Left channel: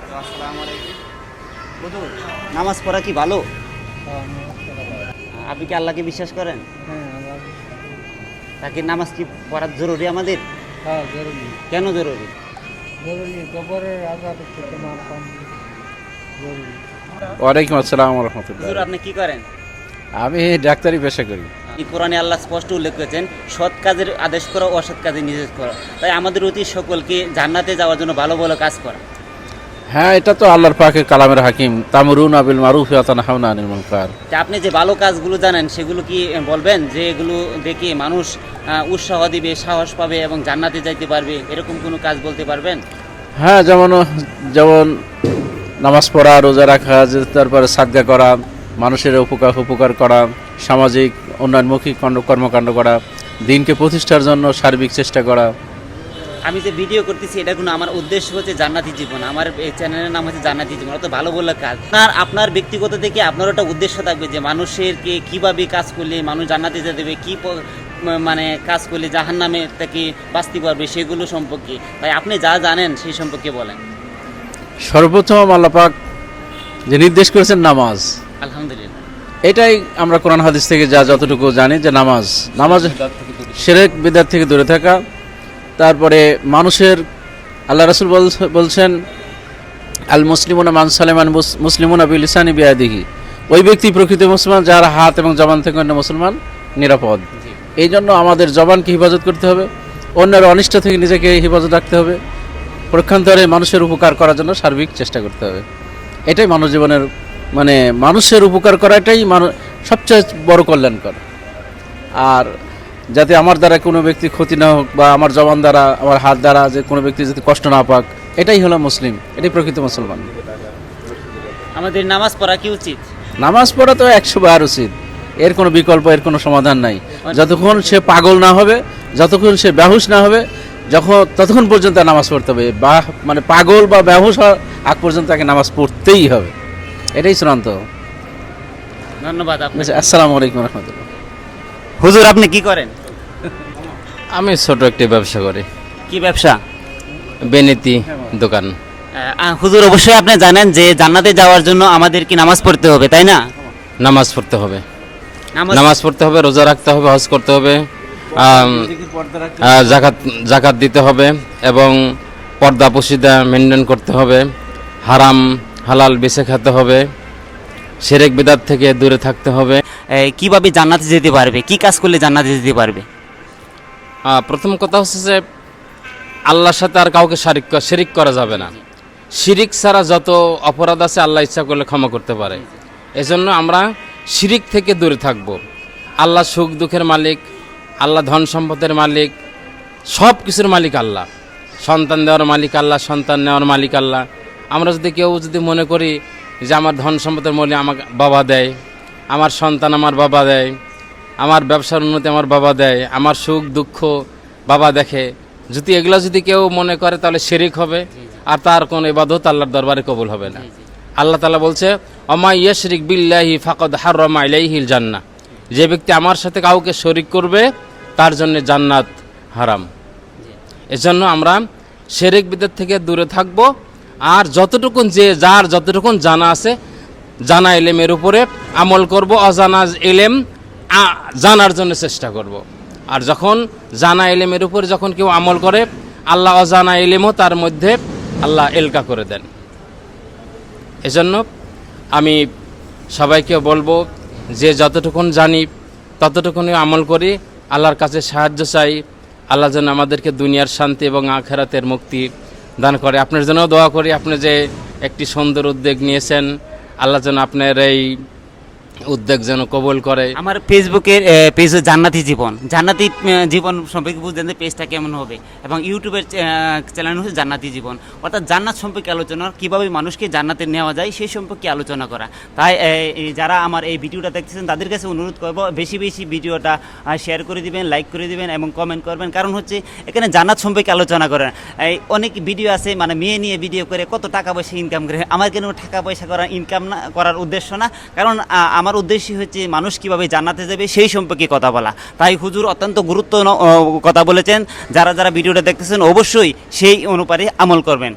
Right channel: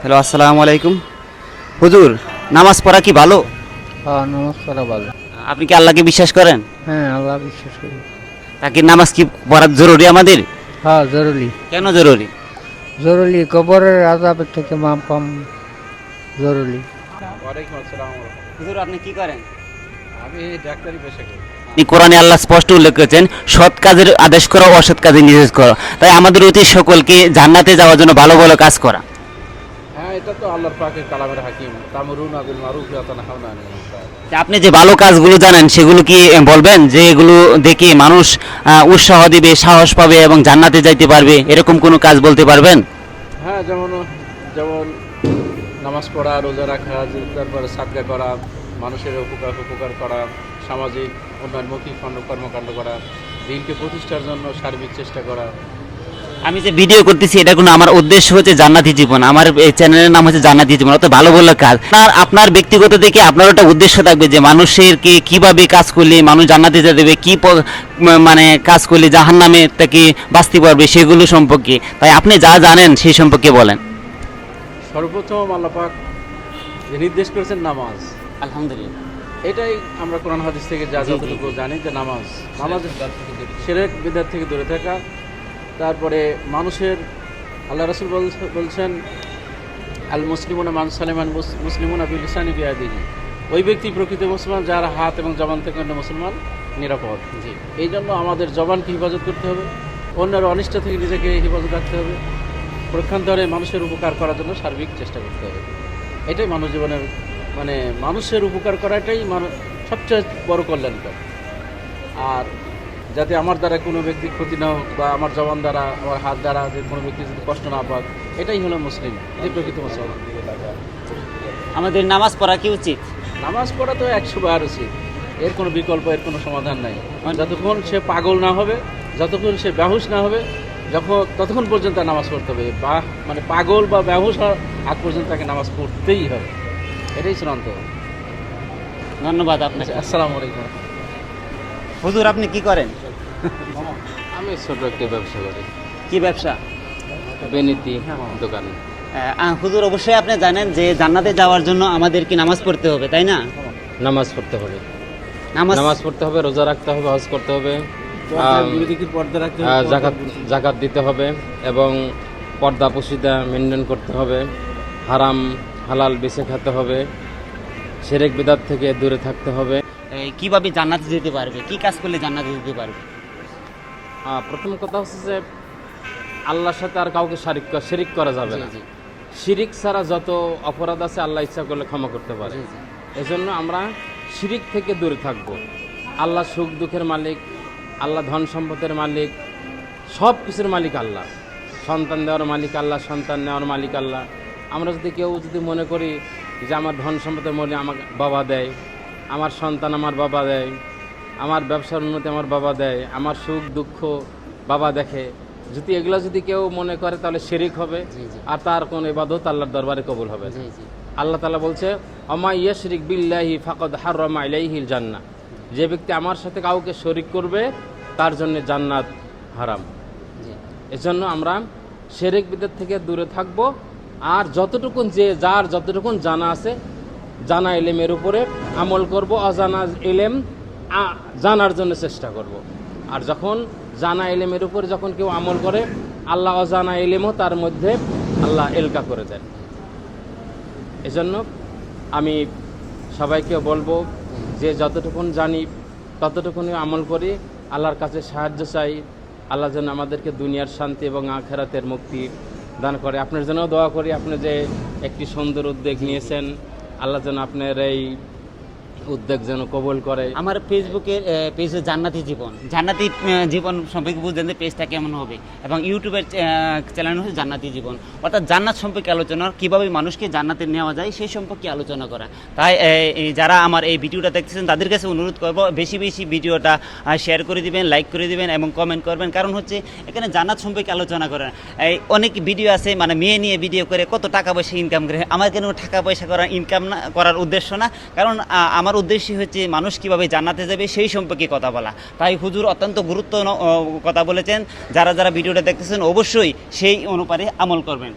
Hello, আসসালামু আলাইকুম। হুজুর, নামাজ পড়া কি ভালো? হ্যাঁ, নামাজ পড়া ভালো। আপনি কি আল্লাহকে বিশ্বাস করেন? হ্যাঁ, আল্লাহ বিশ্বাস করি। নাকি নামাজ কি পড়া জরুরি আমাদের? হ্যাঁ, জরুরি। কেন জরুরি? জরুরি, কবরের আযাবের থেকে মাপ পাম জরুরি। ওয়ালাইকুম আসসালাম রহমতুল্লাহ। হুজুর, আপনি কি করেন? আমি ডাক্তারি পেশা করি। আপনি কোরআনে আল্লাহ স্পষ্ট উল্লেখ করেছেন, সৎ কাজের আদেশ করা, অসৎ কাজের নিষেধ করা। তাই আমাদের উচিত সকলকে জান্নাতে যাওয়ার জন্য ভালো ভালো কাজ করা। হ্যাঁ, এটা তো আল্লাহর পাকের কালামের হাকিম, তামরুনা বিল মারুফ ওয়া তানহাউনা আনিল মুনকার। তা আপনি যে ভালো কাজগুলো জানেন সেগুলো কি বলবেন, যে এগুলো দেখে মানুষ উৎসাহ দিবে, সাহস পাবে এবং জান্নাতে যাইতে পারবে, এরকম কোনো কাজ বলতে পারবেন? হ্যাঁ, যেমন নামাজ পড়া, রোজা রাখা, তারপরে সাদকা করা, মানুষের উপকার করা, সামাজিক উন্নয়নমুখী কর্মকাণ্ড করা, দিনকে প্রতিষ্ঠার জন্য সার্বিক চেষ্টা করা। আমি যে ভিডিও করতেছি এটা কোনো আমার উদ্দেশ্য হচ্ছে জান্নাতি জীবন। আমার এই চ্যানেলের নাম হচ্ছে জান্নাতি জীবন, অত ভালো ভালো কাজ। আপনার ব্যক্তিগত দিকে আপনার একটা উদ্দেশ্য থাকবে যে মানুষের কিভাবে কাজ করলে মানুষ জান্নাতে যেতে দেবে, মানে কাজ করলে জাহান্নামে থেকে বাঁচতে পারবে সেগুলো সম্পর্কে। তাই আপনি যা জানেন সেই সম্পর্কে বলেন। সর্বপ্রথম আল্লাহ পাক যে নির্দেশ করেছেন নামাজ, আলহামদুলিল্লাহ। এটাই আমরা কোরআন হাদিস থেকে যতটুকু জানি যে নামাজ শিরক বিদআত থেকে দূরে থাকা। তারপরে মানুষের আল্লাহ রাসূল বলছেন আল মুসলিমুনা মান সালামান মুসলিমুনা বিলিসানি বিয়াদিহি, ওই ব্যক্তি প্রকৃত মুসলমান যার হাত এবং জবান থেকে অন্য মুসলমান নিরাপদ। এই জন্য আমাদের জবানকে হেফাজত করতে হবে, অন্যের অনিষ্ট থেকে নিজেকে হেফাজত রাখতে হবে, প্রক্ষান্তরে মানুষের উপকার করার জন্য সার্বিক চেষ্টা করতে হবে। এটাই মানব জীবনের মানুষের উপকার করাটাই সবচেয়ে বড় কল্যাণকর। আর যাতে আমার দ্বারা কোনো ব্যক্তি ক্ষতি না হোক, বা আমার জবান দ্বারা, আমার হাত দ্বারা যে কোনো ব্যক্তি যাতে কষ্ট না পাক, এটাই হলো মুসলিম, এটাই প্রকৃত মুসলমান। আমাদের নামাজ পড়া কি উচিত? নামাজ পড়া তো 100 বার উচিত, এর কোনো বিকল্প, এর কোনো সমাধান নাই। যতক্ষণ সে পাগল না হবে, যতক্ষণ সে বেহুশ না হবে, ততক্ষণ পর্যন্ত নামাজ পড়তে হবে। পাগল বা বেহুশ আগ পর্যন্ত তাকে নামাজ পড়তেই হবে, এটাই চূড়ান্ত। ধন্যবাদ আপনাকে। আসসালামু আলাইকুম রহমতুল্লাহ। হুজুর, আপনি কি করেন? আমি ছোট একটি ব্যবসা করি, কি ব্যবসা? বেনিতি দোকান। হুজুর, অবশ্যই আপনি জানেন যে জান্নাতে যাওয়ার জন্য আমাদের কি নামাজ পড়তে হবে, তাই না? নামাজ পড়তে হবে, নামাজ পড়তে হবে, রোজা রাখতে হবে, হজ করতে হবে, জাকাত দিতে হবে, এবং পর্দা পশিদা মেনটেন করতে হবে, হারাম হালাল বেছে খেতে হবে, শিরক বিদআত থেকে দূরে থাকতে হবে। কিভাবে জান্নাতে যেতে পারবে, কি কাজ করলে জান্নাতে যেতে পারবে? প্রথম কথা হচ্ছে যে আল্লাহর সাথে আর কাউকে শিরিক করা যাবে না। শিরিক ছাড়া যত অপরাধ আছে আল্লাহ ইচ্ছা করলে ক্ষমা করতে পারে। এজন্য আমরা শিরিক থেকে দূরে থাকব। আল্লাহ সুখ দুঃখের মালিক, আল্লাহ ধন সম্পদের মালিক, সব কিছুর মালিক আল্লাহ। সন্তান দেওয়ার মালিক আল্লাহ, সন্তান নেওয়ার মালিক আল্লাহ। আমরা কেউ যদি মনে করি যে আমার ধন সম্পদের মালিক আমাকে বাবা দেয়, আমার সন্তান আমার বাবা দেয়, আমার ব্যবসার উন্নতি আমার বাবা দেয়, আমার সুখ দুঃখ বাবা দেখে, যদি কেউ মনে করে তাহলে শিরিক হবে, আর তার কোন ইবাদত আল্লাহর দরবারে কবুল হবে না। আল্লাহ তাআলা বলছে ওমা ইয়াশরিক বিল্লাহি ফাকাদ হাররামা আলাইহিল জান্নাহ, যে ব্যক্তি আমার সাথে কাউকে শরিক করবে তার জন্য জান্নাত হারাম। এজন্য আমরা শিরক বিদআত থেকে দূরে থাকব, আর যার যতটুকুন জানা আছে জানা ইলমের উপরে আমল করব, অজানা ইলম জানার জন্য চেষ্টা করব। আর যখন জানা ইলমের উপরে যখন কেউ আমল করে, আল্লাহ অজানা ইলমও তার মধ্যে আল্লাহ এলকা করে দেন। এজন্য আমি সবাইকে বলবো যে যতটুকুন জানি ততটুকুনই আমল করি, আল্লাহর কাছে সাহায্য চাই। আল্লাহ যেন আমাদেরকে দুনিয়ার শান্তি এবং আখিরাতের মুক্তি দান করে। আপনার জন্য দোয়া করি, আপনি যে একটি সুন্দর উদ্যোগ নিয়েছেন, আল্লাহ যেন আপনার এই উদ্যোগ যেন কবুল করে। আমার ফেসবুকের পেজ জান্নাতি জীবন সম্পর্কে বুঝলেন যে পেজটা কেমন হবে, এবং ইউটিউবের চ্যানেল হচ্ছে জান্নাতি জীবন, অর্থাৎ জান্নাত সম্পর্কে আলোচনা, কীভাবে মানুষকে জান্নাতে নেওয়া যায় সেই সম্পর্কে আলোচনা করা। তাই যারা আমার এই ভিডিওটা দেখতেছেন তাদের কাছে অনুরোধ করব, বেশি বেশি ভিডিওটা শেয়ার করে দিবেন, লাইক করে দিবেন এবং কমেন্ট করবেন। কারণ হচ্ছে এখানে জান্নাত সম্পর্কে আলোচনা করেন। অনেক ভিডিও আছে মেয়ে নিয়ে ভিডিও করে কত টাকা পয়সা ইনকাম করে। আমার কেন টাকা পয়সা করার উদ্দেশ্য না, কারণ আমার উদ্দেশ্য হচ্ছে মানুষ কিভাবে জান্নাতে যাবে সেই সম্পর্কে কথা বলা। তাই হুজুর অত্যন্ত গুরুত্ব কথা বলেছেন, যারা ভিডিওটা দেখতেছেন অবশ্যই সেই অনুপাতে আমল করবেন।